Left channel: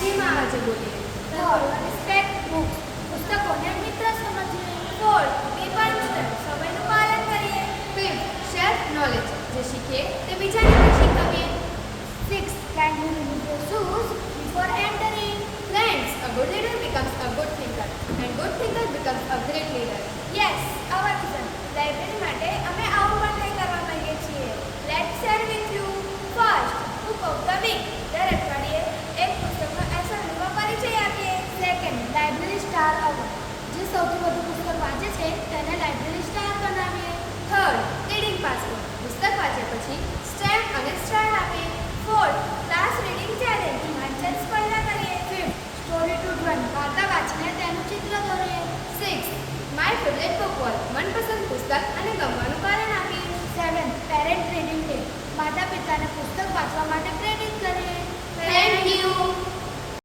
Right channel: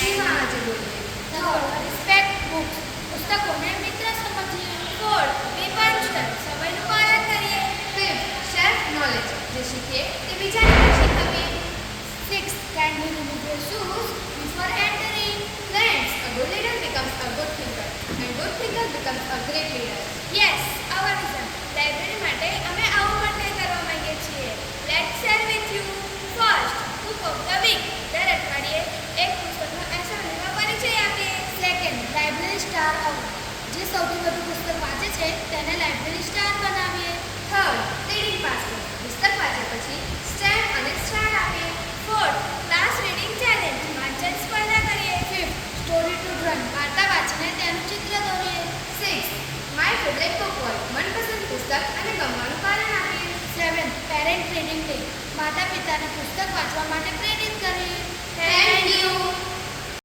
ધીમા આજે બોલીએ. Third, respect books. પુસ્તકોને મિત્ર સમજીએ. Fourth, be punctual. સમયનું પાલન કરીએ. Fifth, self knowledge. જે શીખીએ તે બીજાને પણ શીખવીએ. Six, kindly remove your shoes before entering. Friends, a good leader becomes a good thinker, and good thinker becomes a great leader. Yes, our vision. Library માટે અમે આવું પણ કરવા માંગીએ છીએ. Let's share with you. First, book of the week. દર અઠવાડિયે એક પુસ્તકનો એસાઇનમેન્ટમાં પરિચય આપીએ. Second, library star award. જે સૌથી વધુ પુસ્તક વાંચે છે તેને લાઇબ્રેરી સ્ટાર બનાવીએ. Third, reading basket. પુસ્તક વાંચે પછી સ્ટેમ્પ અને સ્ટાર આપીએ. Fourth, class reading challenge. વાંચન સ્પર્ધા કરીએ. Fifth, story to drawing. વાર્તા વાંચીને તેનું ચિત્ર દોરીએ. Sixth, my favorite book world. મનપસંદ પુસ્તક અને ગમવાનું કારણ આપીએ. Seventh, parent reading day. માતા પિતાને પુસ્તક વાંચવા માટે પ્રેરિત કરીએ. Thank you.